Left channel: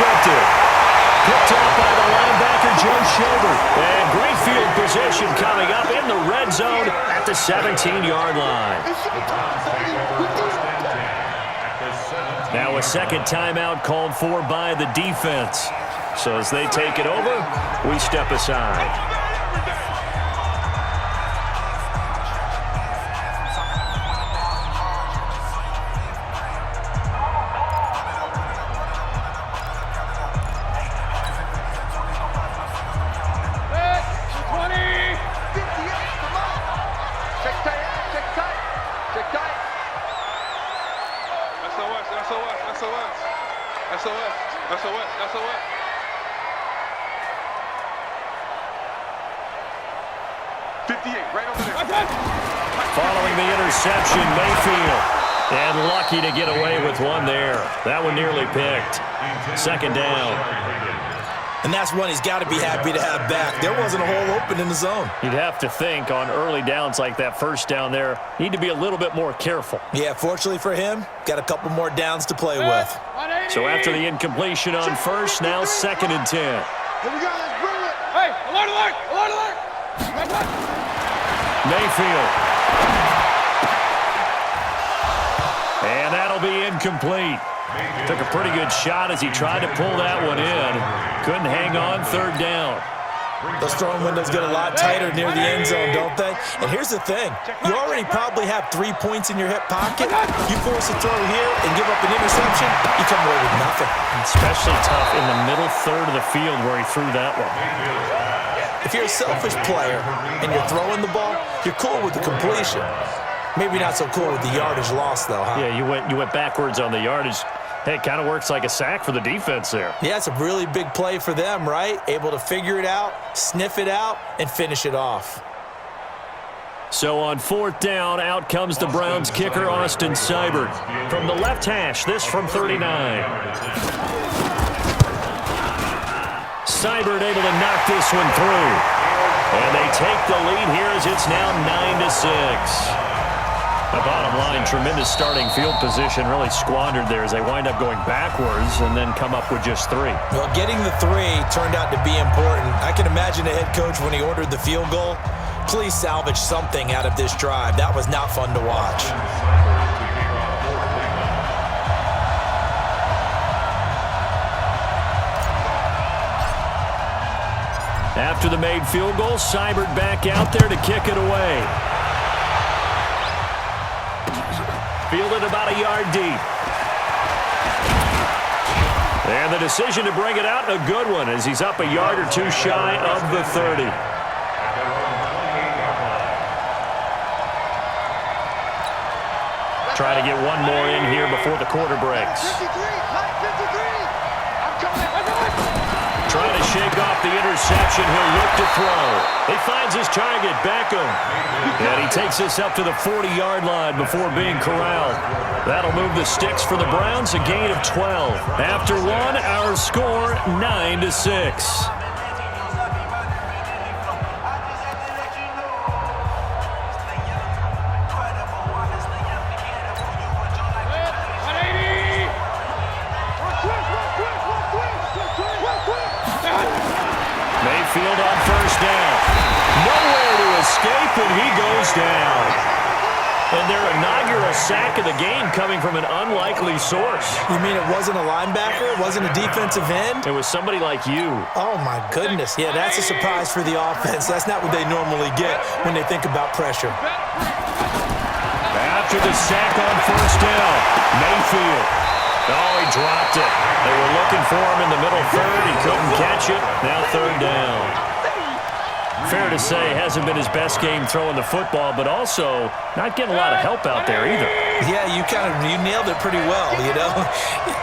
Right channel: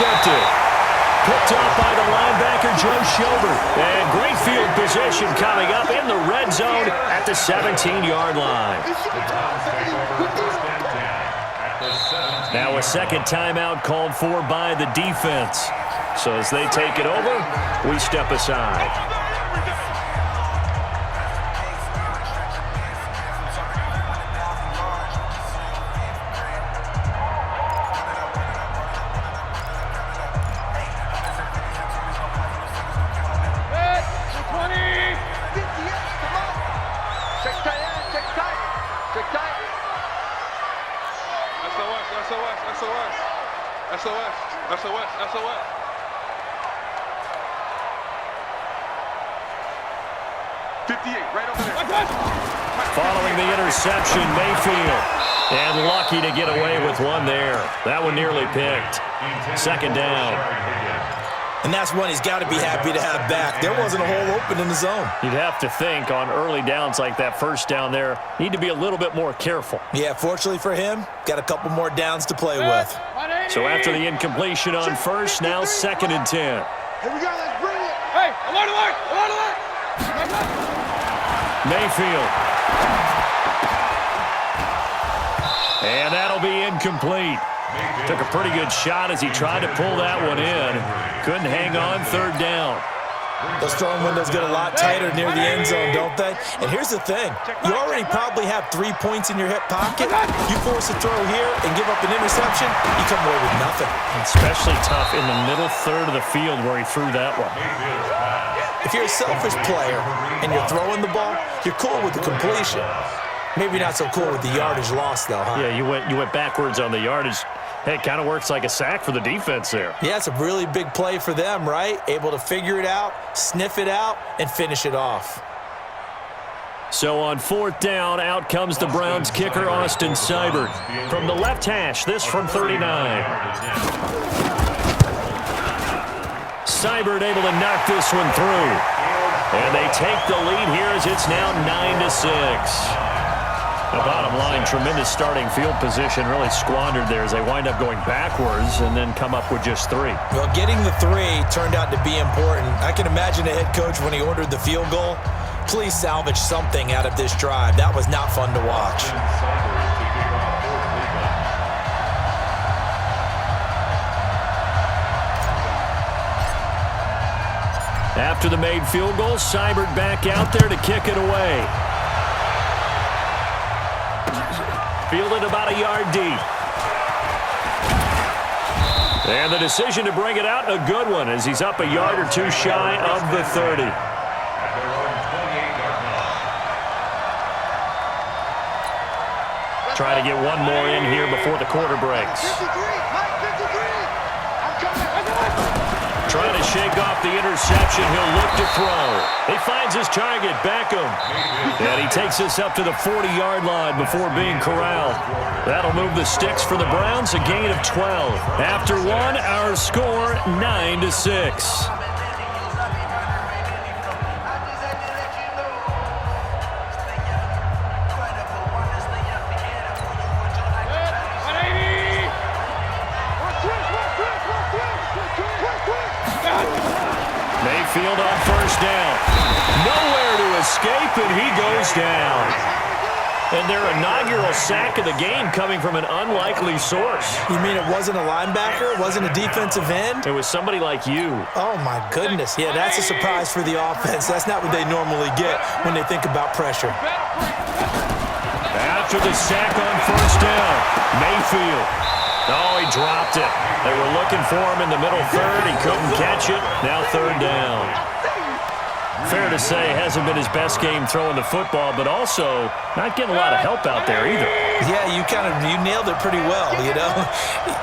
intercepted. Picked up by the linebacker, Joe Schobert. And great field position coming up in the red zone at the 17-yard line. Now a second timeout called for by the defense. So as they take it over, we step aside. SOS. Right over there. Following the interception, Mayfield. And lucky to get away with one there. That one nearly picked. Second down. And that's one he's got to be happy to have back. There wasn't a hole open in the zone. You'd have to think on early downs like that first down there, need to be a little bit more careful. Yeah, fortunately for him, got a couple more downs to play with. So after the incompletion on first, now 2nd and 10. Here we go, let's bring it. Hey, alert. Mayfield. And that'll be incomplete. Took a pretty good shot as he tried to pull that one in. Couldn't hang on, 3rd down. Those throwing windows get a lot tighter near the end zone, don't they? And here's the thing. You already probably have 3 points in your hip pocket. You force a throw here and give up an interception, you come away with nothing. Especially tough in the middle third of the field where he threw that one. If you're a selfish player and you're throwing the ball, you're cool with the completion. Maybe not so cool with the yardage loss, though, huh? Yeah, you went backwards on the yardage. Hey, it kind of works like a sack for the defense there. Yeah, it's a really big play for them, right? Able to figure it out, sniff it out, and finish it off. So on 4th down, out comes the Browns kicker, Austin Seibert. From the left hash, this from 39. Seibert able to knock this one through. And they take the lead here as it's now 9-6. The bottom line, tremendous starting field position, really squandered there as they wind up going backwards and then come up with just 3. Well, getting the 3 turned out to be important. I can imagine the head coach when he ordered the field goal. Please salvage something out of this drive. That was not fun to watch. After the made field goal, Seibert back out there to kick it away. Fielded about a yard deep. And the decision to bring it out, a good one, as he's up a yard or 2 shy of the 30. Try to get one more in here before the quarter breaks. 53, Mike, 53. I'm coming. Trying to shake off the interception. He'll look to throw. He finds his target, Beckham. And he takes this up to the 40-yard line before being corralled. That'll move the sticks for the Browns, a gain of 12. After one, our score 9-6. Mayfield on first down. Nowhere to escape, and he goes down. And their inaugural sack of the game coming from an unlikely source. You mean it wasn't a linebacker? It wasn't a defensive end? It was somebody like you. Oh, my goodness. Yeah, that's a surprise for the offense. That's not what they normally get when they think about pressure. After the sack on first down, Mayfield. Oh, he dropped it. They were looking for him in the middle third. He couldn't catch it. Now 3rd down. Fair to say, hasn't been his best game throwing the football, but also not getting a lot of help out there either. Yeah, you nailed it pretty well, you know.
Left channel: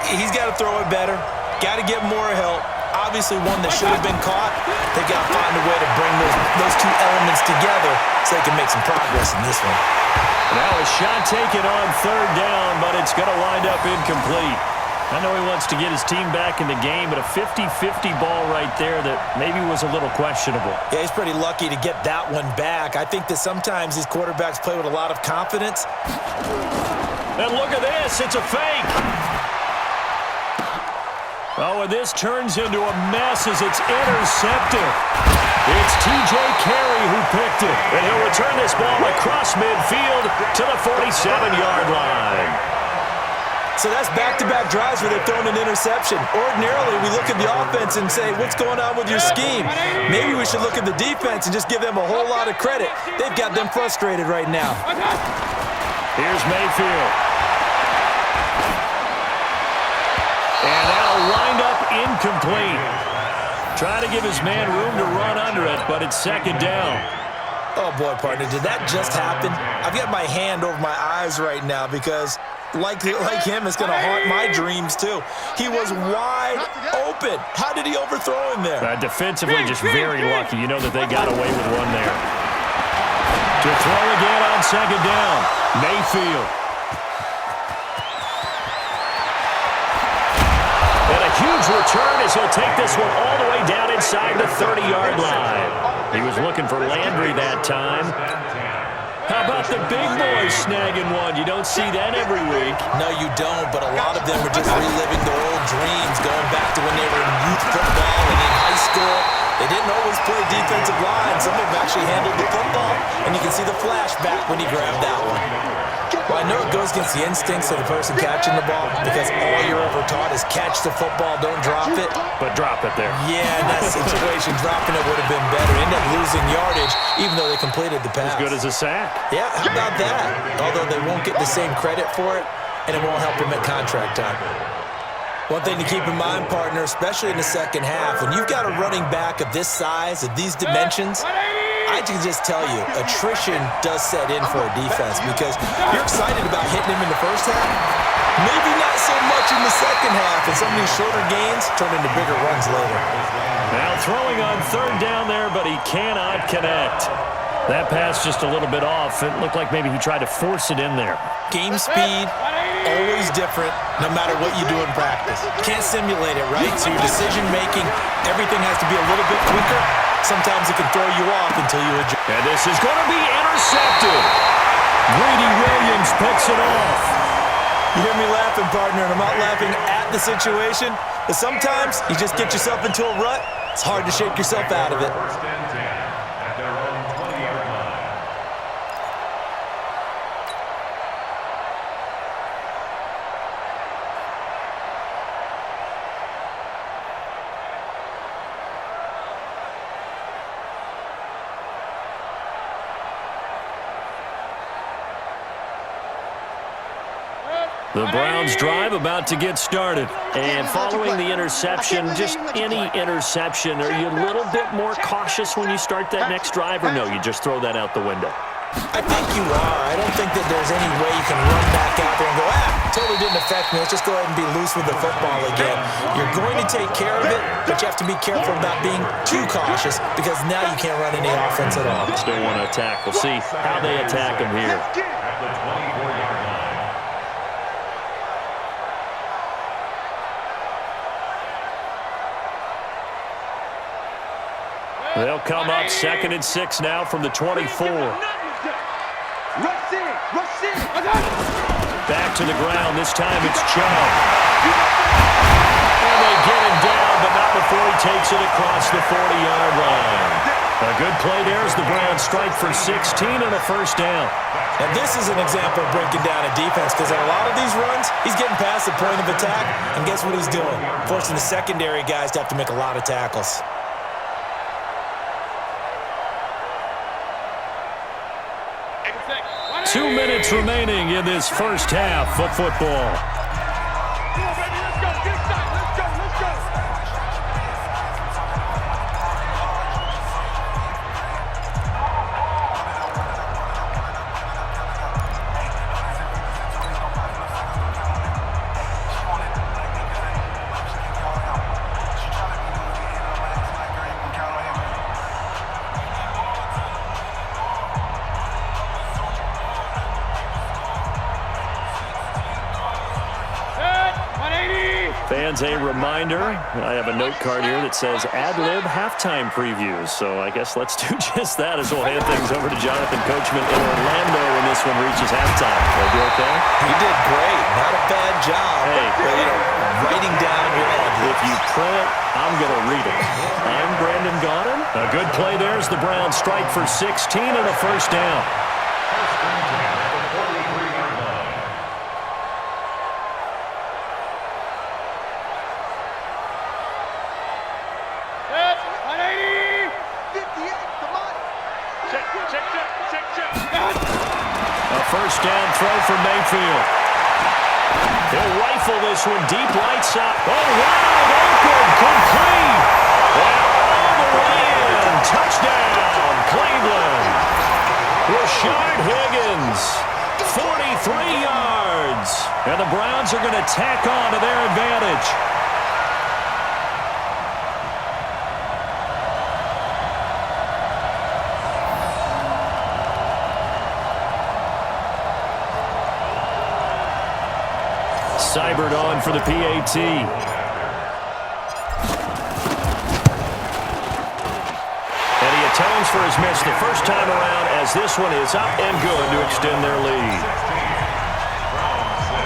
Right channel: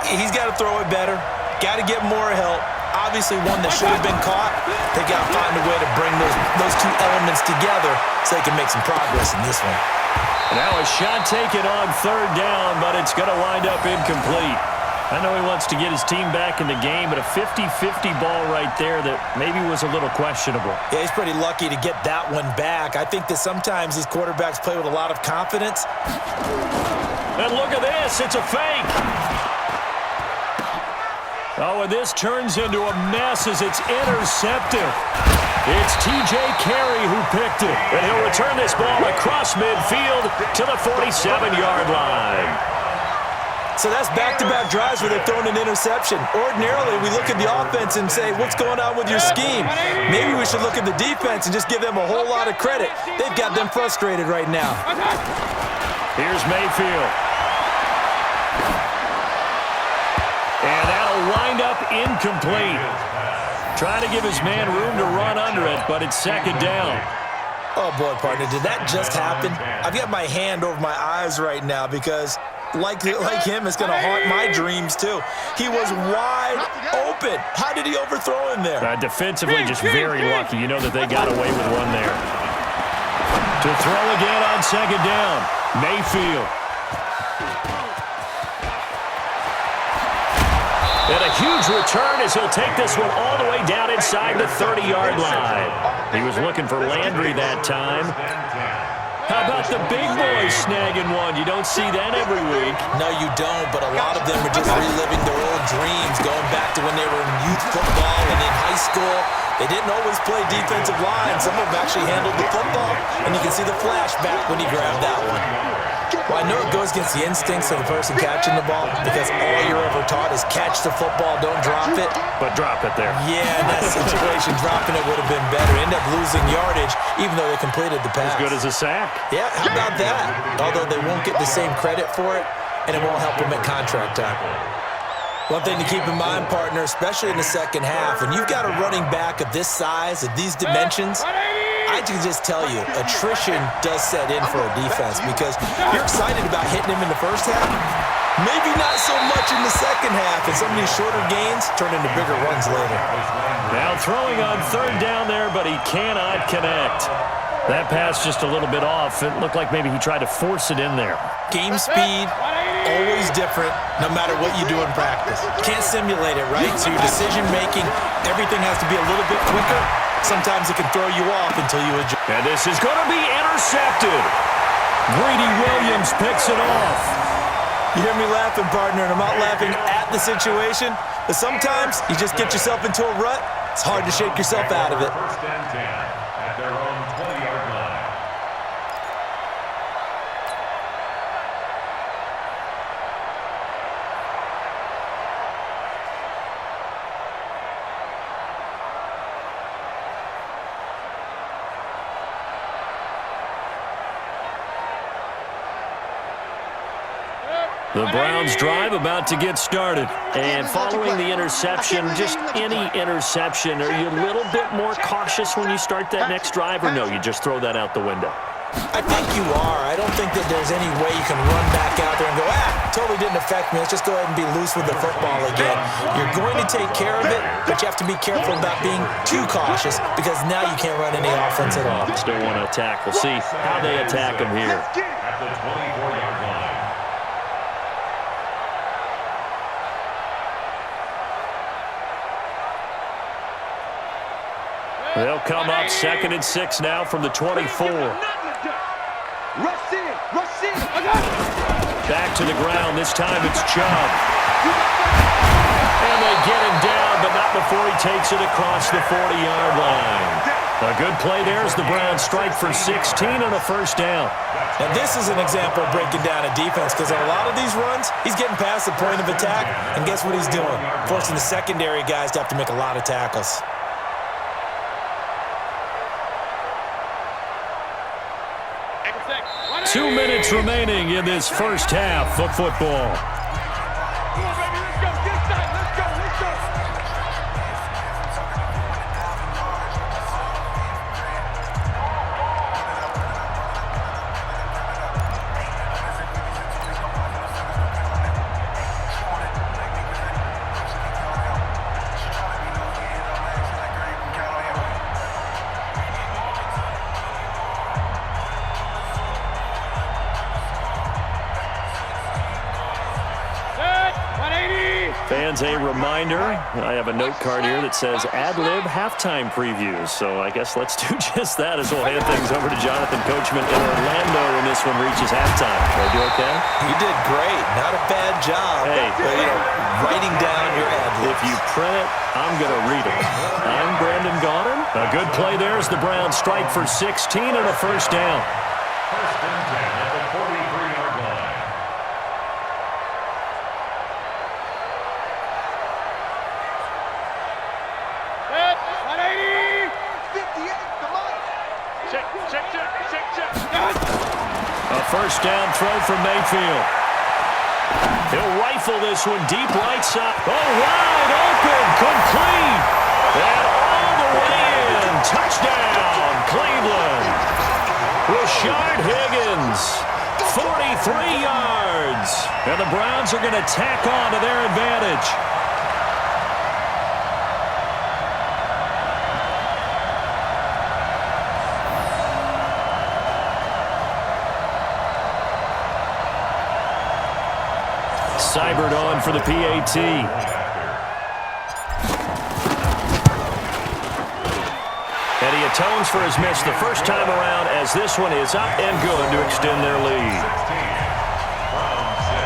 He's got to throw it better. Got to get more help. Obviously one that should have been caught. They got to find a way to bring those 2 elements together so they can make some progress in this one. Now a shot taken on 3rd down, but it's going to wind up incomplete. I know he wants to get his team back in the game, but a 50-50 ball right there that maybe was a little questionable. Yeah, he's pretty lucky to get that one back. I think that sometimes these quarterbacks play with a lot of confidence. And look at this. It's a fake. Oh, and this turns into a mess as it's intercepted. It's T.J. Carey who picked it, and he'll return this ball across midfield to the 47-yard line. So that's back-to-back drives where they've thrown an interception. Ordinarily, we look at the offense and say, what's going on with your scheme? Maybe we should look at the defense and just give them a whole lot of credit. They've got them frustrated right now. Here's Mayfield. And that'll wind up incomplete. Trying to give his man room to run under it, but it's second down. Oh, boy, partner, did that just happen? I've got my hand over my eyes right now because, like him, it's going to haunt my dreams, too. He was wide open. How did he overthrow him there? Defensively, just very lucky. You know that they got away with one there. To throw again on second down, Mayfield. And a huge return as he'll take this one all the way down inside the 30-yard line. He was looking for Landry that time. How about the big boys snagging one? You don't see that every week. No, you don't, but a lot of them are just reliving their old dreams, going back to when they were in youth football and in high school. They didn't always play defensive line. Some of them actually handled the football, and you can see the flashback when he grabbed that one. Well, I know it goes against the instincts of the person catching the ball because all you're ever taught is catch the football, don't drop it. But drop it there. Yeah, in that situation, dropping it would have been better. End up losing yardage, even though they completed the pass. As good as a sack. Yeah, how about that? Although they won't get the same credit for it, and it won't help them at contract time. One thing to keep in mind, partner, especially in the second half, when you've got a running back of this size, of these dimensions, I can just tell you, attrition does set in for a defense because you're excited about hitting him in the first half. Maybe not so much in the second half, and some of these shorter gains turn into bigger runs later. Now throwing on third down there, but he cannot connect. That pass just a little bit off. It looked like maybe he tried to force it in there. Game speed, always different, no matter what you do in practice. Can't simulate it, right? So your decision-making, everything has to be a little bit quicker. Sometimes it can throw you off until you adjust. And this is going to be intercepted. Greedy Williams picks it off. You hear me laughing, partner, and I'm not laughing at the situation, but sometimes you just get yourself into a rut. It's hard to shake yourself out of it. First and 10 at their own 20-yard line. The Browns drive about to get started. And following the interception, just any interception, are you a little bit more cautious when you start that next drive, or no, you just throw that out the window? I think you are. I don't think that there's any way you can run back out there and go, totally didn't affect me. Let's just go ahead and be loose with the football again. You're going to take care of it, but you have to be careful about being too cautious because now you can't run any offense at all. Still want to attack. We'll see how they attack him here. At the 24-yard line. They'll come up 2nd and 6 now from the 24. Back to the ground. This time it's Chubb. And they get him down, but not before he takes it across the 40-yard line. A good play there as the Browns strike for 16 and a first down. And this is an example of breaking down a defense because on a lot of these runs, he's getting past the point of attack, and guess what he's doing? Forcing the secondary guys to have to make a lot of tackles. Two minutes remaining in this first half of football. Come on, baby, let's go. Get excited. Let's go. Let's go. Fans, a reminder, I have a note card here that says ad-lib halftime previews. So I guess let's do just that as we'll hand things over to Jonathan Coachman in Orlando when this one reaches halftime. Are you okay? You did great. Not a bad job. Hey. But, writing down your ad this. If you print it, I'm going to read it. I'm Brandon Gaudin. A good play there as the Browns strike for 16 and a first down. First and 10 at the 43-yard line. Set. 180. 58 to Mike. Check. A first down throw for Mayfield. He'll rifle this one deep right side. Oh, wide open, complete. And all the way in. Touchdown, Cleveland. Rashard Higgins, 43 yards. And the Browns are going to tack on to their advantage. Seibert on for the PAT. And he atones for his miss the first time around as this one is up and good to extend their lead. 16. Browns 6.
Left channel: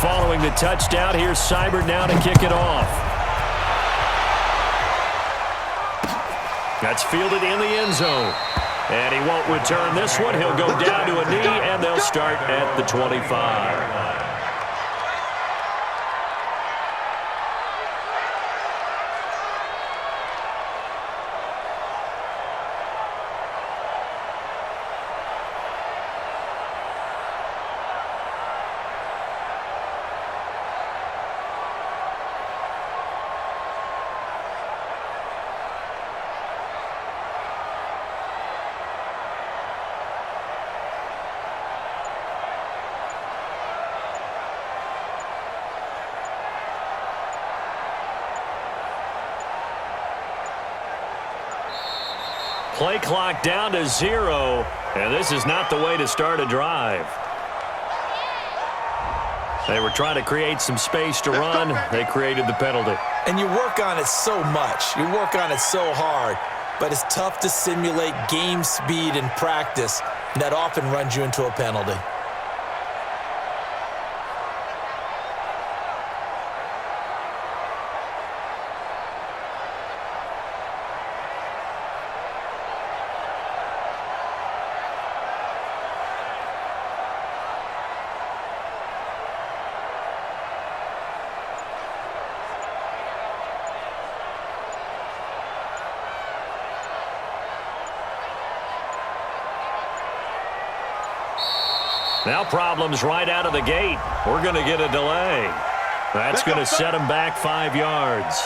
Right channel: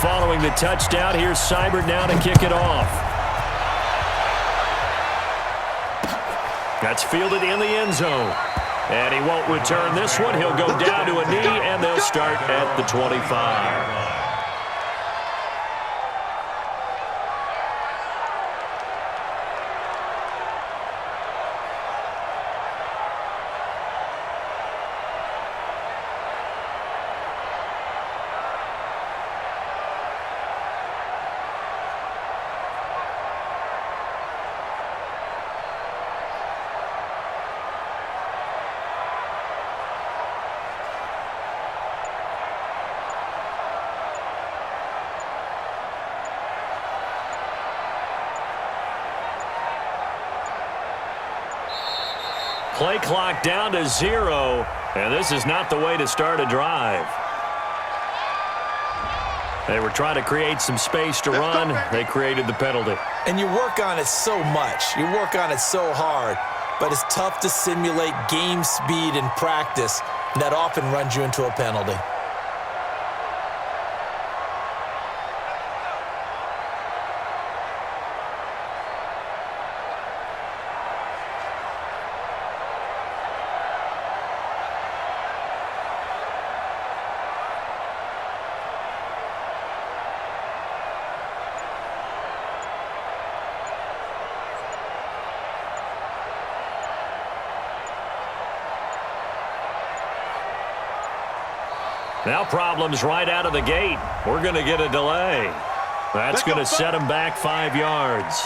Following the touchdown, here's Seibert now to kick it off. That's fielded in the end zone. And he won't return this one. He'll go down to a knee, and they'll start at the 25. Play clock down to 0, and this is not the way to start a drive. They were trying to create some space to run. They created the penalty. And you work on it so much. You work on it so hard. But it's tough to simulate game speed in practice, and that often runs you into a penalty. Now problems right out of the gate. We're going to get a delay. That's going to set him back 5 yards.